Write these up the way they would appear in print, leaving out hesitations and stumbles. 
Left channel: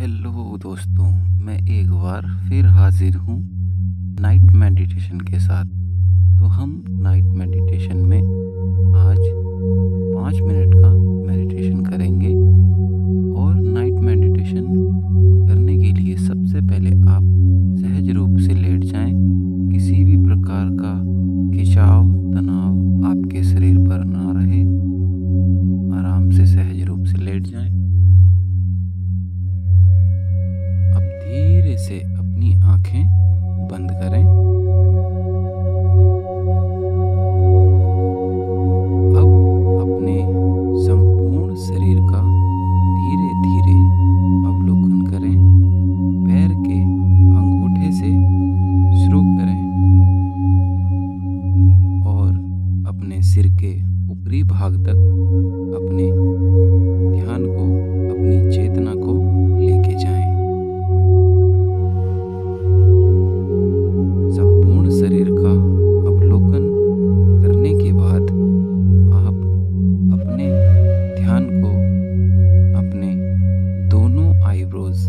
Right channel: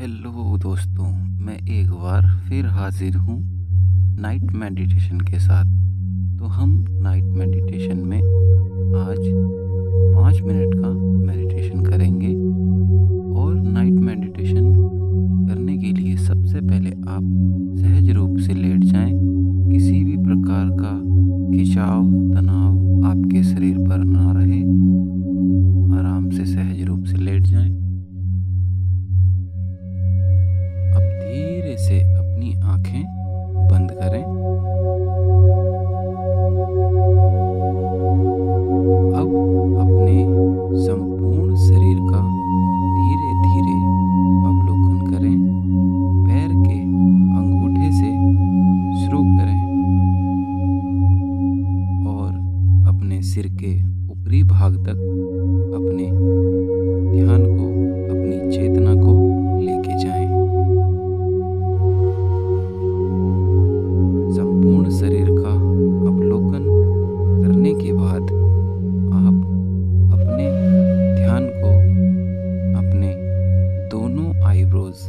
Hello दोस्तों, मैं एक बार फिर हाजिर हूँ नाइट मेडिटेशन के साथ। तो हम नाइट मेडिटेशन में आज 5 मिनट का मेडिटेशन करेंगे। और नाइट मेडिटेशन करने के लिए सबसे पहले आप सहज रूप से लेट जाएं। किसी भी प्रकार का खिंचाव तनाव आपके शरीर पर ना रहे। आराम से सहज रूप से लेट जाएं। अब धीरे से अपनी आंखें बंद करें। अब अपने संपूर्ण शरीर का धीरे धीरे अवलोकन करें। पैर के अंगूठे से शुरू करें और अपने सिर के ऊपरी भाग तक अपने ध्यान को, अपनी चेतना को लेके जाएं। संपूर्ण शरीर का अवलोकन करने के बाद आप अपने ध्यान को अपने दोनों आईब्रोज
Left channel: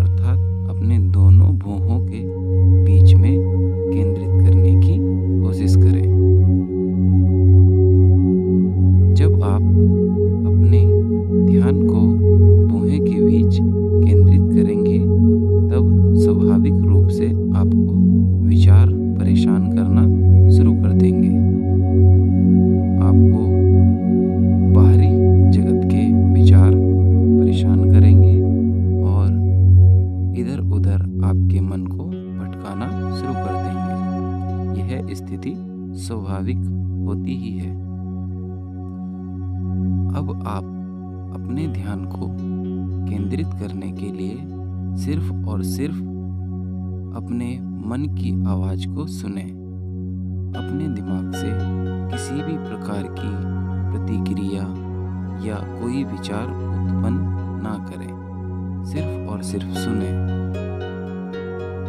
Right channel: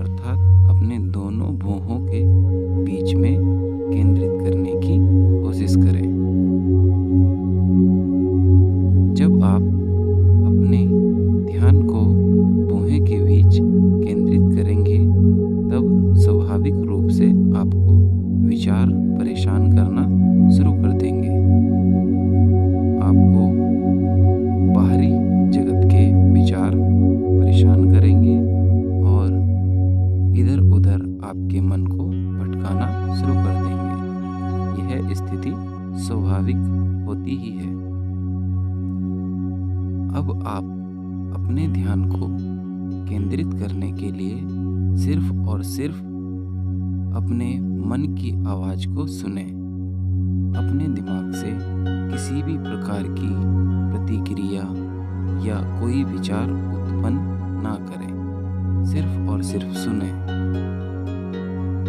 अर्थात अपने दोनों भौहों के बीच में केंद्रित करने की कोशिश करें। जब आप अपने ध्यान को भौहें के बीच केंद्रित करेंगे तब स्वाभाविक रूप से आपको विचार परेशान करना शुरू कर देंगे। आपको बाहरी जगत के विचार परेशान करेंगे और इधर उधर आपके मन को भटकाना शुरू कर देंगे। यह स्थिति स्वाभाविक होती ही है। अब आप अपने ध्यान को केंद्रित करने के लिए सिर्फ और सिर्फ अपने मन की आवाज को सुने। अपने दिमाग से किसी भी प्रकार की प्रतिक्रिया या कोई विचार उत्पन्न ना करें। सिर्फ और सिर्फ सुने।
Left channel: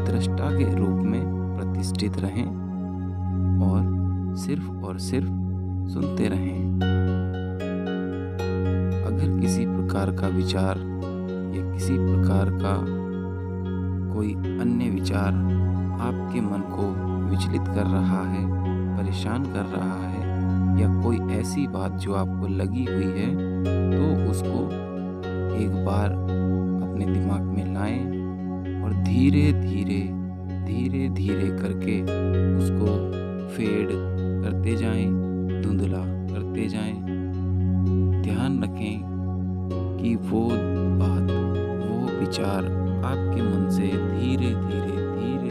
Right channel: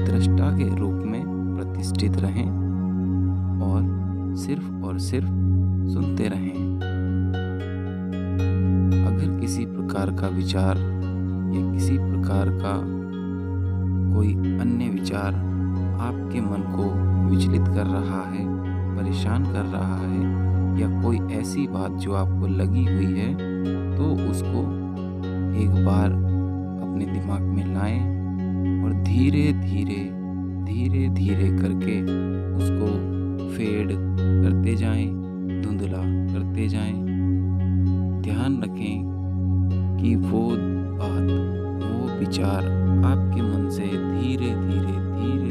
दृष्टा के रूप में प्रतिष्ठित रहें और सिर्फ सुनते रहें। अगर किसी प्रकार का विचार या किसी प्रकार का कोई अन्य विचार आपके मन को विचलित कर रहा है, परेशान कर रहा है, या कोई ऐसी बात जो आपको लगी हुई है, तो उसको एक बार अपने दिमाग में लाएं और धीरे धीरे करके उसको फेड करते जाएं, धुंधला करते जाएं। ध्यान रखें कि वो बात, वो विचार आपके मन से धीरे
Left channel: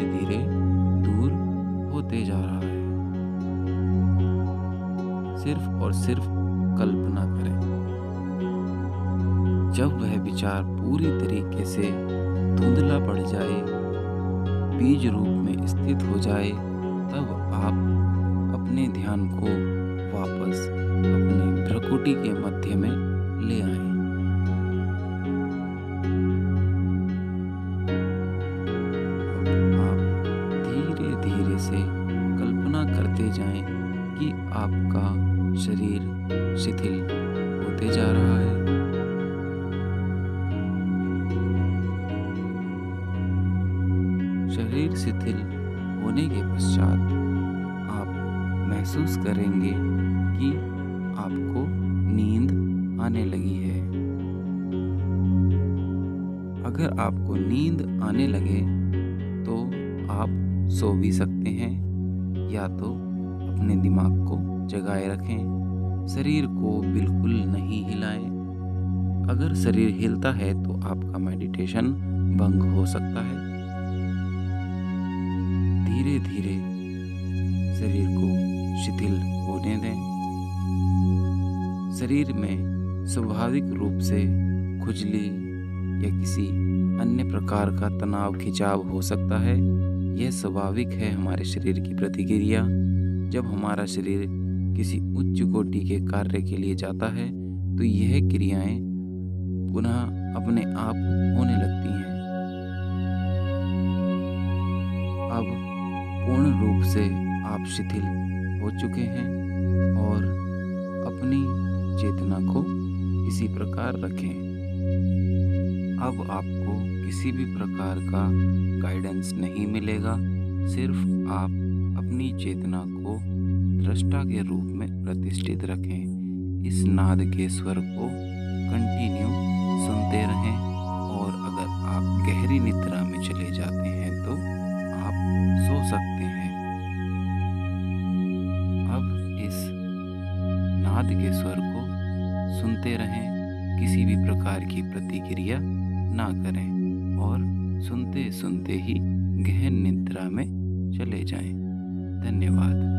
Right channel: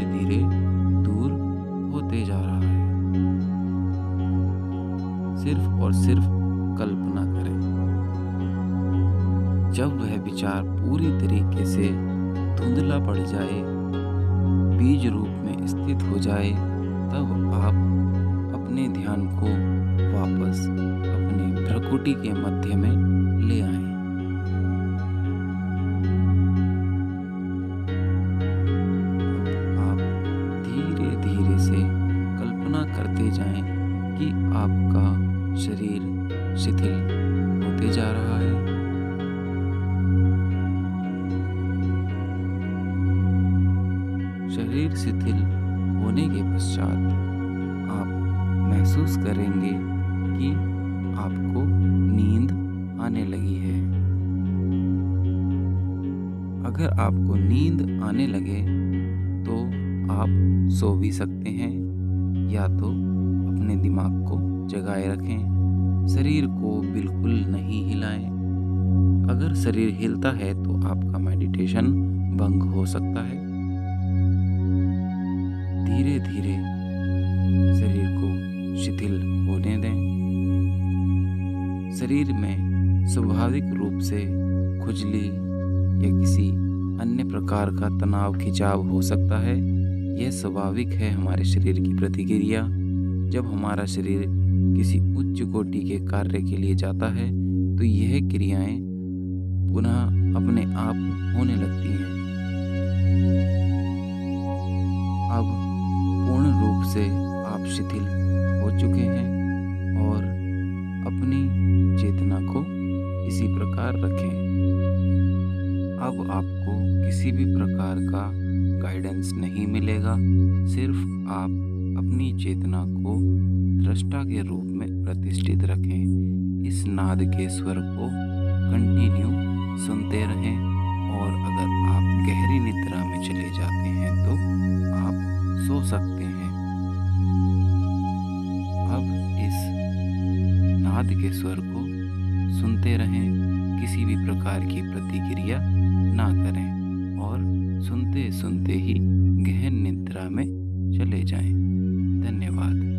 धीरे दूर होते जा रहा है। सिर्फ और सिर्फ कल्पना करें। जब वह विचार पूरी तरीके से धुंधला पड़ जाए, बीज रूप में स्थित हो जाए, तब आप अपने ध्यान को वापस अपने भ्रुकुटी के मध्य में ले आएं। धीरे से कल्पना करते जाएं कि आपका शरीर शिथिल होते जा रहा है। शरीर शिथिल होने के पश्चात आप महसूस करेंगे कि आपको नींद आने लगी है। अगर आपको नींद आने लगे तो आप सो भी सकते हैं, या तो अपने दिमाग को जगाए रखें। शरीर को बिल्कुल नहीं हिलाएं। अगर शरीर हिलता है तो आपका मेडिटेशन भंग हो सकता है। धीरे धीरे शरीर को शिथिल होने दें। शरीर में स्वाभाविक रूप से खुजली या किसी अन्य प्रकार का तनाव खिंचाव हो सकता है। यह स्वाभाविक है हमारे शरीर की प्रतिक्रिया। जब हमारा शरीर किसी उच्च कोटि के कार्य के लिए जाता है तो यह क्रियाएं पुनः अपने आप होने लगती हैं। अब पूर्ण रूप से आप शिथिल हो चुके हैं और अपनी चेतना को इसी प्रकार रखें। अब आपको किसी भी प्रकार का गाइडेंस नहीं मिलेगा। सिर्फ आप अपनी चेतना को दृष्टा के रूप में प्रतिष्ठित रखें। इस नाद के स्वर को कंटिन्यू सुनते रहें, और अगर आप गहरी निद्रा में चले जाते हैं तो आप सो सकते हैं। अब इस नाद के स्वर को सुनते रहें, किसी भी प्रकार की प्रतिक्रिया ना करें, और सुनते सुनते ही गहन निद्रा में चले जाएं। धन्यवाद।